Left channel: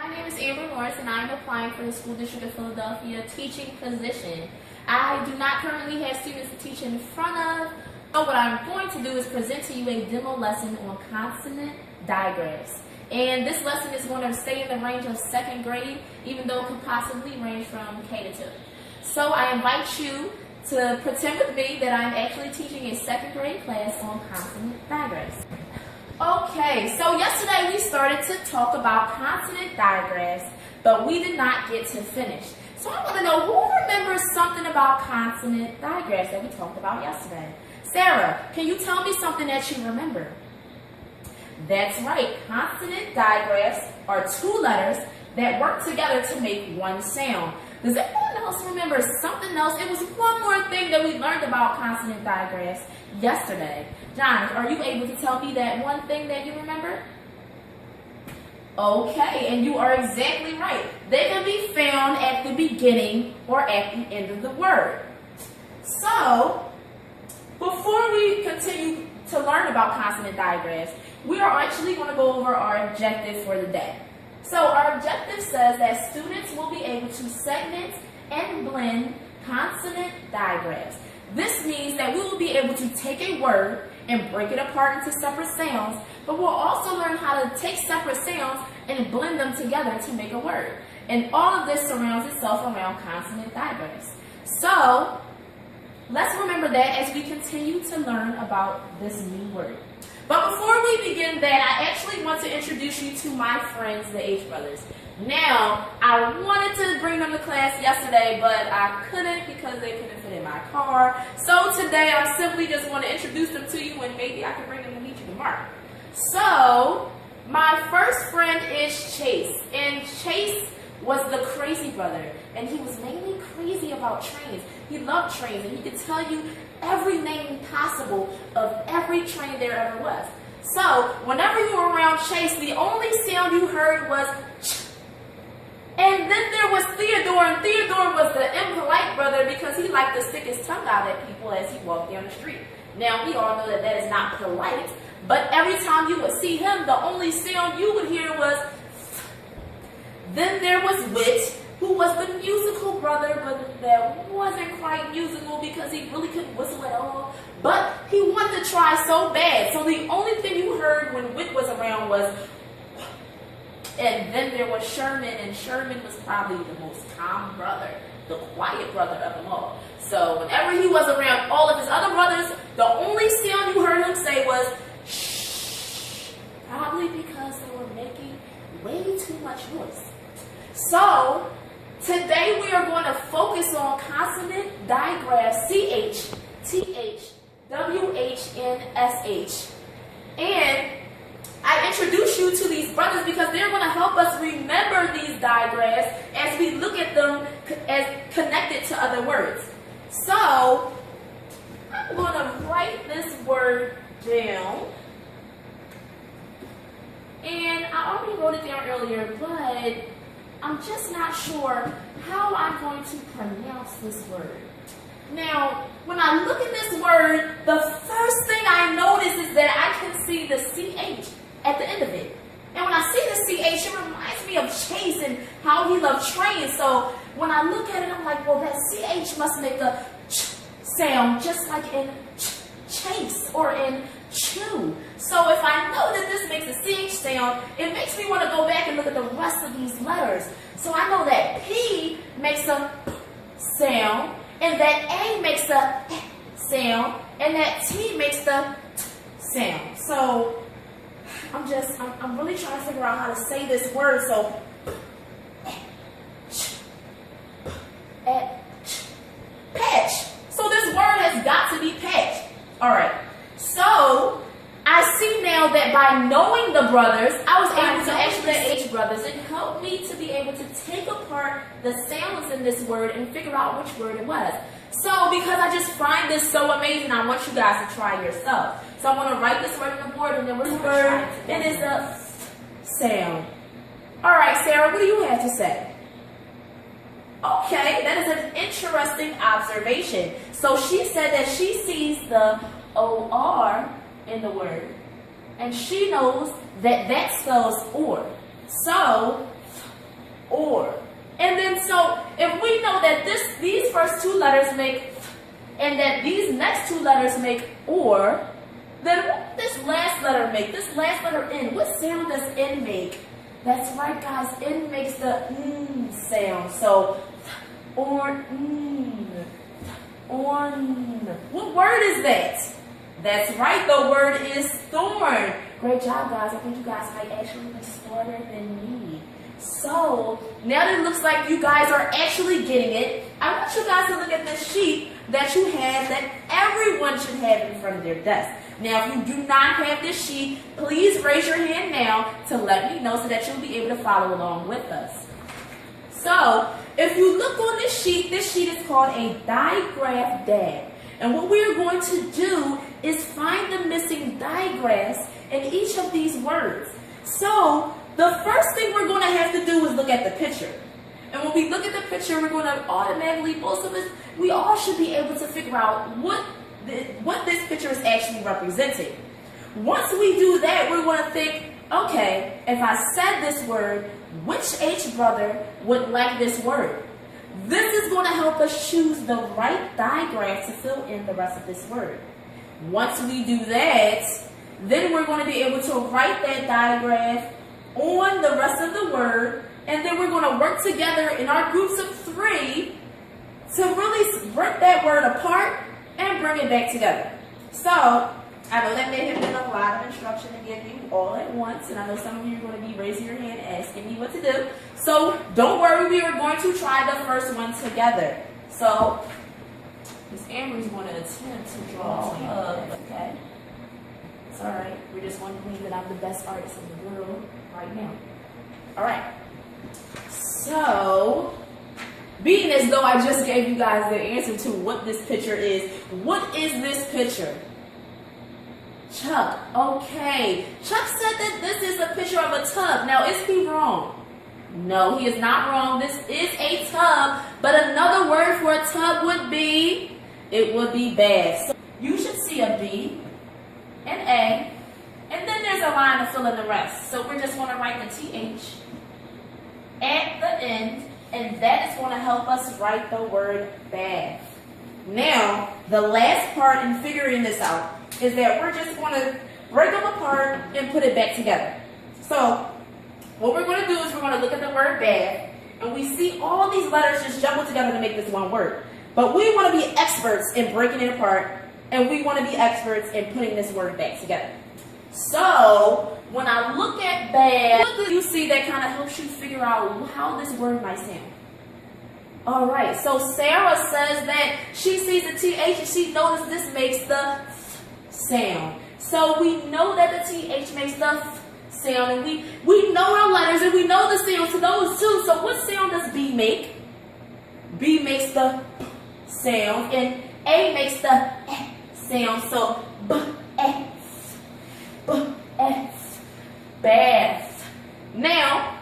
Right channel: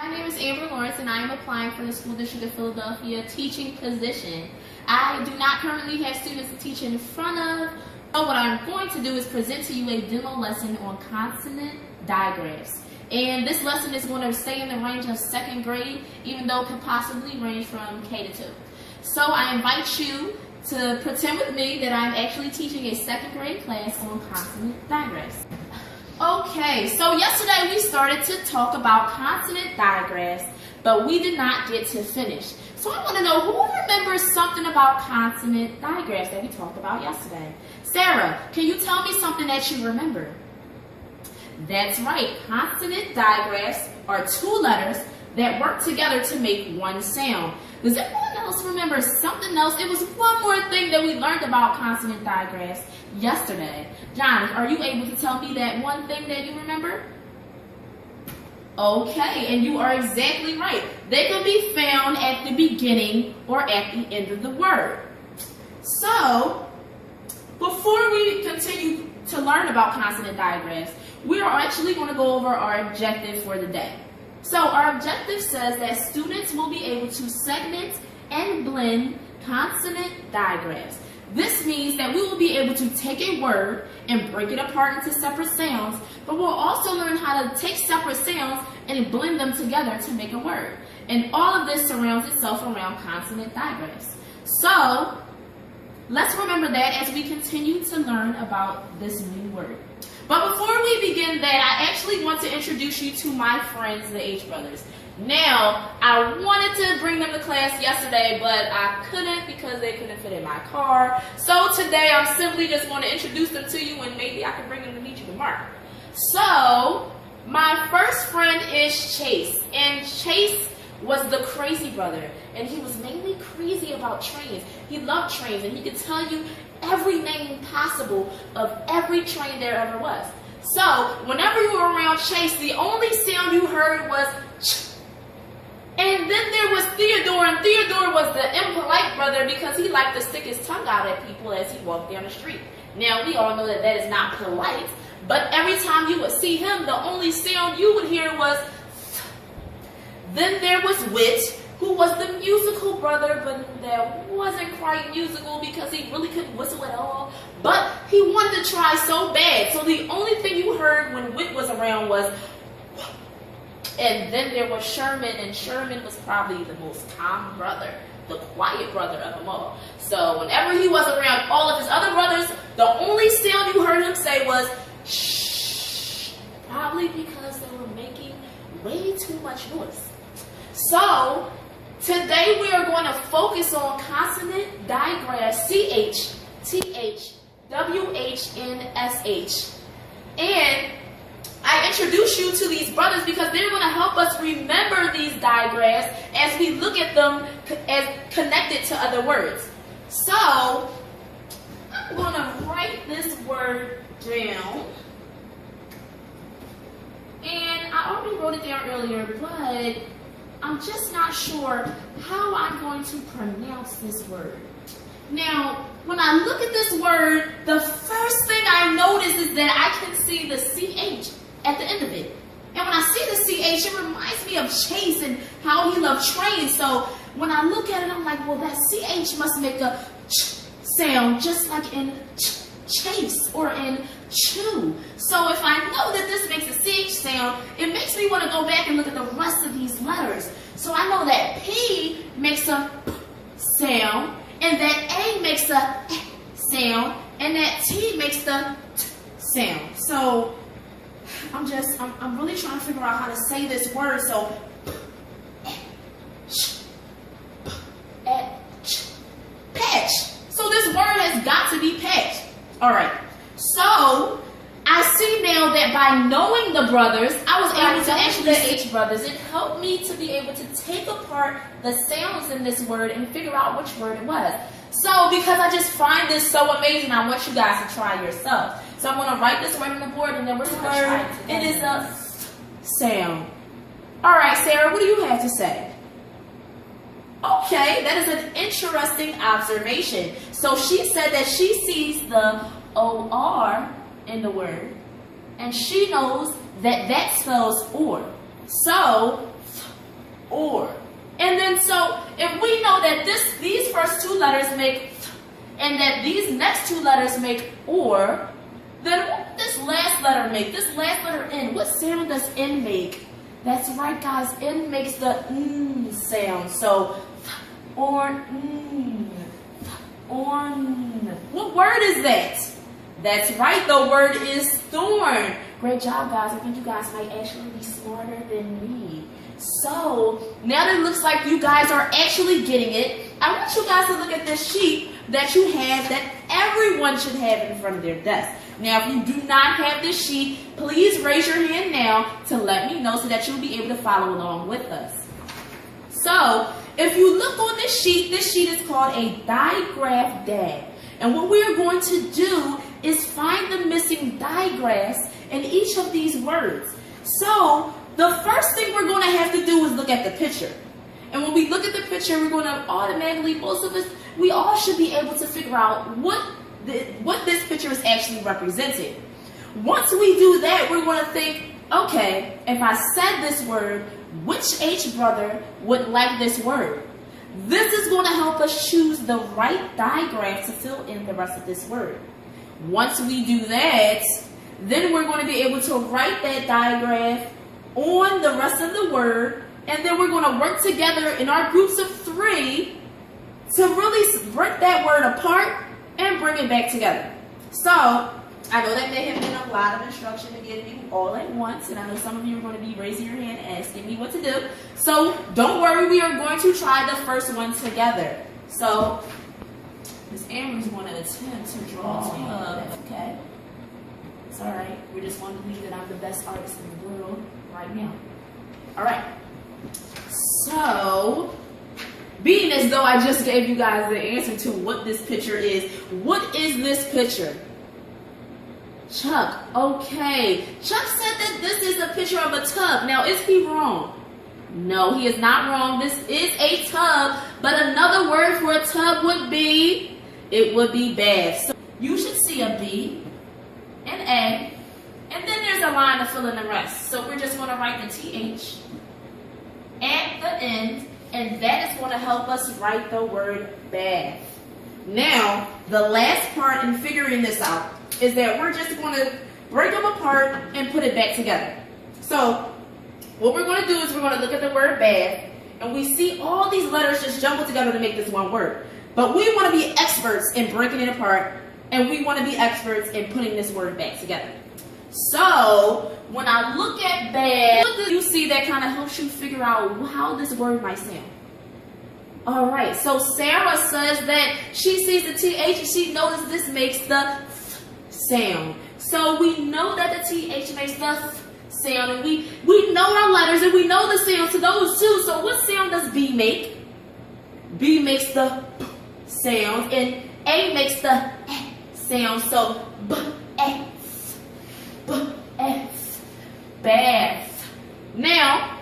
My name is Amber Lawrence and I am applying for the School District of Philadelphia teaching position. I do not currently have students to teach in front of, so what I'm going to do is present to you a demo lesson on consonant digraphs. And this lesson is going to stay in the range of 2nd grade, even though it could possibly range from K to 2. So I invite you to pretend with me that I'm actually teaching a 2nd grade class on consonant digraphs. Okay, so yesterday we started to talk about consonant digraphs, but we did not get to finish. So I want to know who remembers something about consonant digraphs that we talked about yesterday. Sarah, can you tell me something that you remember? That's right, consonant digraphs are two letters that work together to make one sound. Does anyone else remember something else? It was one more thing that we learned about consonant digraphs yesterday. John, are you able to tell me that one thing that you remember? Okay, and you are exactly right. They can be found at the beginning or at the end of the word. So, before we continue to learn about consonant digraphs, we are actually going to go over our objective for the day. So our objective says that students will be able to segment and blend consonant digraphs. This means that we will be able to take a word and break it apart into separate sounds, but we'll also learn how to take separate sounds and blend them together to make a word. And all of this surrounds itself around consonant digraphs. So let's remember that as we continue to learn about this new word. But before we begin that, I actually want to introduce you to my friends, the H brothers. Now, I wanted to bring them to class yesterday, but I couldn't because they couldn't fit in my car. So today, I'm simply just going to introduce them to you, and maybe I can bring them to meet you tomorrow. So, my first friend is Chase, and Chase was the crazy brother, and he was mainly crazy about trains. He loved trains, and he could tell you every name possible of every train there ever was. So, whenever you were around Chase, the only sound you heard was ch. And then there was Theodore, and Theodore was the impolite brother because he liked to stick his tongue out at people as he walked down the street. Now, we all know that that is not polite, but every time you would see him, the only sound you would hear was th. Then there was Wit, who was the musical brother, but that wasn't quite musical because he really couldn't whistle at all. But he wanted to try so bad, so the only thing you heard when Wit was around was. And then there was Sherman, and Sherman was probably the most calm brother, the quiet brother of them all. So whenever he was around all of his other brothers, the only sound you heard him say was shh, probably because they were making way too much noise. So today we are going to focus on consonant digraphs CH, TH, WH, and SH. And I introduce you to these brothers because they're going to help us remember these digraphs as we look at them as connected to other words. So, I'm going to write this word down. And I already wrote it down earlier, but I'm just not sure how I'm going to pronounce this word. Now, when I look at this word, the first thing I notice is that I can see the CH at the end of it. And when I see the CH, it reminds me of Chase and how he loved trains. So when I look at it, I'm like, well, that CH must make a ch sound just like in chase or in chew. So if I know that this makes a CH sound, it makes me want to go back and look at the rest of these letters. So I know that P makes a p sound, and that A makes a eh sound, and that T makes the t sound. So I'm really trying to figure out how to say this word. So, patch. So this word has got to be patch. All right. So I see now that by knowing the brothers, I was able to actually see H brothers. It helped me to be able to take apart the sounds in this word and figure out which word it was. So because I just find this so amazing, I want you guys to try yourself. So I'm going to write this word on the board, and then we're going to try it together. It is a sound. All right, Sarah, what do you have to say? Okay, that is an interesting observation. So she said that she sees the OR in the word, and she knows that that spells or. So or. And then so if we know that these first two letters make and that these next two letters make or, then what does this last letter make? This last letter N, what sound does N make? That's right, guys, N makes the sound. So on. What word is that? That's right, the word is thorn. Great job, guys. I think you guys might actually be smarter than me. So, now that it looks like you guys are actually getting it, I want you guys to look at this sheet that you have that everyone should have in front of their desk. Now, if you do not have this sheet, please raise your hand now to let me know so that you'll be able to follow along with us. So, if you look on this sheet is called a digraph DAG. And what we are going to do is find the missing digraphs in each of these words. So, the first thing we're going to have to do is look at the picture. And when we look at the picture, we're going to automatically, most of us, we all should be able to figure out what this picture is actually representing. Once we do that, we're going to think, okay, if I said this word, which H brother would like this word? This is going to help us choose the right digraph to fill in the rest of this word. Once we do that, then we're going to be able to write that digraph on the rest of the word, and then we're going to work together in our groups of 3 to really break that word apart and bring it back together. So, I know that may have been a lot of instruction to give you all at once, and I know some of you are going to be raising your hand asking me what to do. So, don't worry, we are going to try the first one together. So, Miss Amber's going to attempt to draw a okay. It's alright, we just want to believe that I'm the best artist in the world right now. Alright, so, being as though I just gave you guys the answer to what this picture is, what is this picture? Chuck, okay. Chuck said that this is a picture of a tub. Now, is he wrong? No, he is not wrong. This is a tub, but another word for a tub would be, it would be bath. So you should see a B, an A, and then there's a line to fill in the rest. So we're just going to write the TH at the end, and that is going to help us write the word bath. Now, the last part in figuring this out is that we're just going to break them apart and put it back together. So, what we're going to do is we're going to look at the word bath, and we see all these letters just jumbled together to make this one word. But we want to be experts in breaking it apart, and we want to be experts in putting this word back together. So, when I look at bath, what do you see that kind of helps you figure out how this word might sound? Alright, so Sarah says that she sees the TH and she notices this makes the sound. So we know that the TH makes the sound, and we know our letters and we know the sound to those two. So what sound does B make? B makes the sound, and A makes the sound. So B-F, B-F, bath. Now,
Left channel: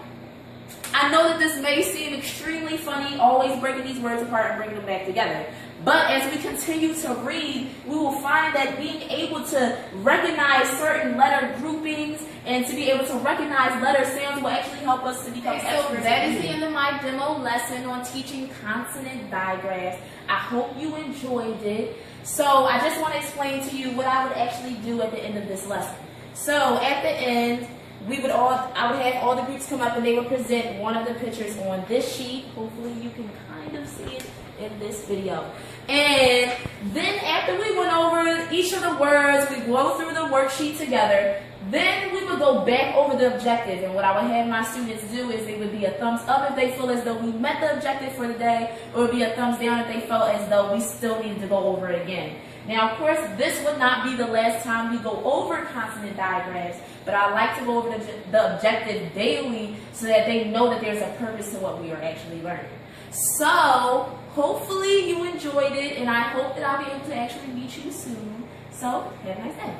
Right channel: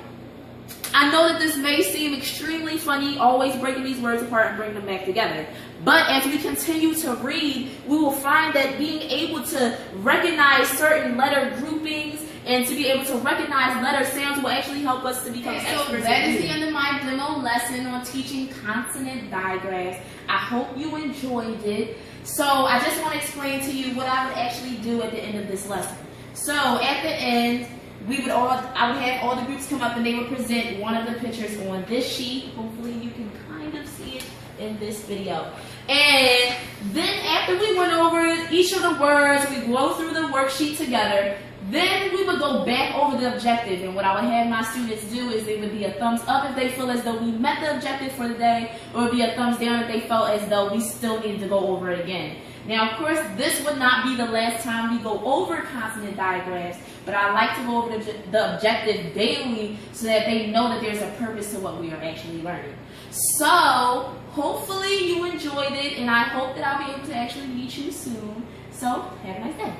I know that this may seem extremely funny, always breaking these words apart and bringing them back together. But as we continue to read, we will find that being able to recognize certain letter groupings and to be able to recognize letter sounds will actually help us to become experts. So that is the end of my demo lesson on teaching consonant digraphs. I hope you enjoyed it. So I just want to explain to you what I would actually do at the end of this lesson. So at the end, I would have all the groups come up and they would present one of the pictures on this sheet. Hopefully you can kind of see it in this video. And then after we went over each of the words, we go through the worksheet together, then we would go back over the objective. And what I would have my students do is it would be a thumbs up if they feel as though we met the objective for the day, or it would be a thumbs down if they felt as though we still needed to go over it again. Now, of course, this would not be the last time we go over consonant digraphs, but I like to go over the objective daily so that they know that there's a purpose to what we are actually learning. So, hopefully you enjoyed it, and I hope that I'll be able to actually meet you soon. So, have a nice day.